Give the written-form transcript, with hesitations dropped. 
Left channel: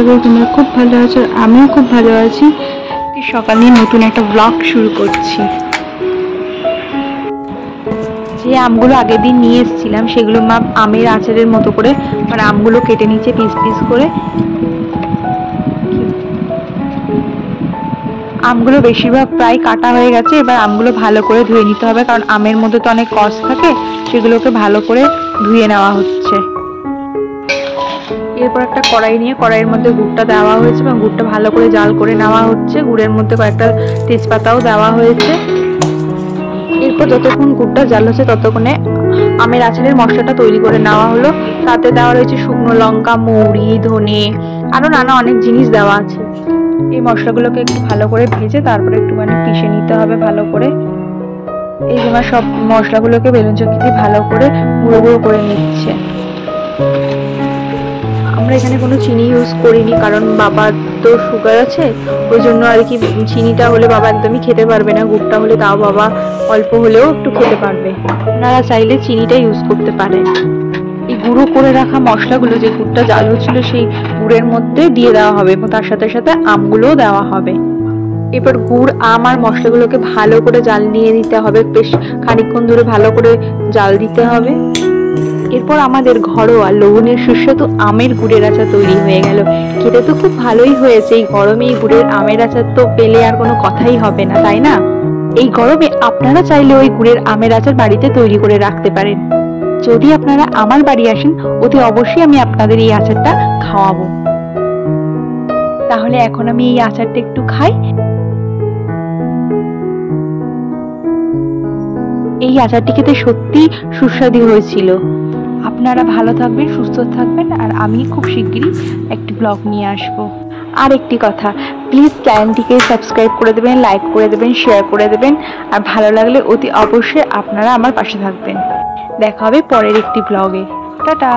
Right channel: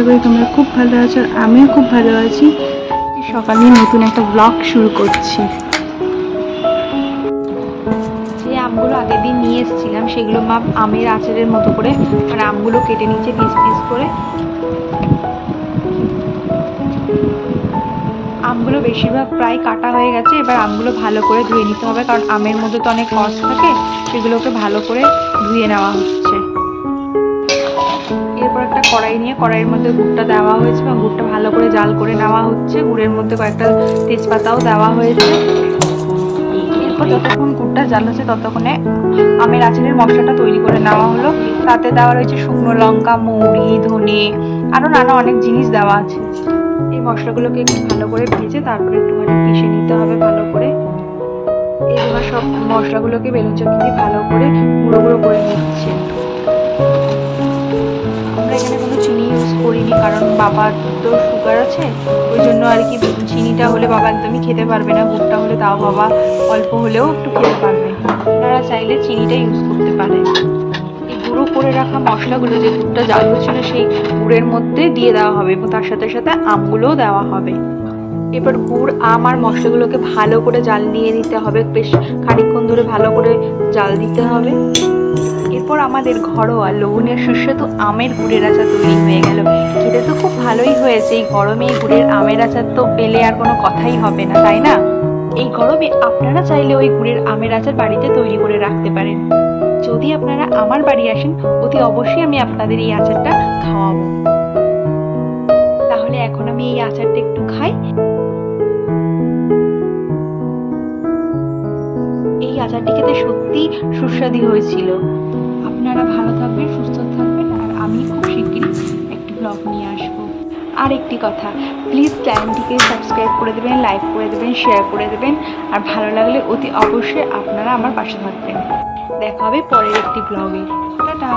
আশা করি তোমরা খুব ভালো আছো, আমিও খুব ভালো আছি। সকালে নতুন একটা ব্লগ শুরু করছি। যে আমগুলো আগের দিন নিয়ে এসেছিলাম সেগুলো মা আমের আচারের মতো করে মানে আমগুলো কেটে নিচ্ছে পিস পিস করে। আমগুলো বেশিরভাগ প্রায় কাটা হয়ে গেছে, এবার আমগুলো ভালো করে ধুয়ে নিতে হবে, কারণ আমের মধ্যে তো অনেক কষ থাকে, সেগুলোকে ভালো করে ধুয়ে নেওয়া হচ্ছে। এরপর একটা কড়াই নিয়ে কড়াইয়ের মধ্যে গুড়টা দেওয়া হয়েছে এবং গুড়টা ভালো করে জাল করে নেওয়া হচ্ছে। গুড়ের মধ্যে কয়েকটা তেজপাতাও দেওয়া হয়েছে। এরপর যতক্ষণ গুড়টা জাল হচ্ছে ততক্ষণে আমের আচারের মশলাটা তৈরি করে নেওয়া হলো। তাতে দেওয়া রয়েছে শুকনো লঙ্কা, মৌরি, ধনে, আরো নানা অনেক জিনিস দেওয়া আছে। এই মশলাগুলোকে একটু ভালো করে ভেজে তারপরে একটুখানি পিষে নিতে হবে ভালো করে। এই জন্য সব মশলাগুলোকে বেলুন চক্কি দিয়ে ভালো করে গুঁড়ো গুঁড়ো করে নিচ্ছে। আমরা এখানে কোনো চিনি ইউজ করিনি, কারণ বাবার তো সুগার আছে, ওই জন্য আর কি চিনিটা হলে বাবা একদমই খেতে পারবে না, গুড়টা হলে তাও বাবা অল্প হলেও একটু খেতে পারবে। আপনারা চাইলে চিনিটা ইউজ করতে পারেন। এই গুঁড়ো করে রাখা মশলাগুলো যে গুড়টা জাল হচ্ছিল সেই গুড়ের মধ্যে দিয়ে দেওয়া হবে এবং তার সাথে সাথে আমগুলোও দেওয়া হবে। এবার গুড়, আম আর মশলাগুলোকে ভালো করে জাল নিয়ে দিতে হবে, বেশ খানিকক্ষণ ধরে ভালো করে জাল দিতে হবে। এরপর আমাদের ঘরোয়া লবণের সুস্বাদু আমের গুড়ের আচার তৈরি হয়ে গেল। খেতে তো খুব ভালোই হয়েছে। এই গরমে এই গুড়ের আমের আচার তো পেলে আর কোনো কথাই হবে না, তাই না? এই গরমে আপনারা চাইলে ওই গুড়ের আমের আচার বাড়িতে তৈরি করে রাখতে পারেন। যদি আপনারা আমার বাড়ি আসেন অতি অবশ্যই আমি আপনাদের এই আচারটা খাওয়াবো। তাহলে এখন আমি এই আচারটা একটু খাই। এই আচারটি খেতে সত্যি সুস্বাদু হয়েছিল। আপনারা ভালো থাকবেন, সুস্থ থাকবেন, আর আমি খুব শিগগিরই একটি ব্লগ নিয়ে আসবো। আর একটি কথা, প্লিজ চ্যানেলটিকে সাবস্ক্রাইব করে দেবেন, লাইক করে দেবেন, শেয়ার করে দেবেন, আর ভালো লাগলে অতি অবশ্যই আপনারা আমার পাশে থাকবেন। দেখা হবে পরের একটি ব্লগে। টাটা।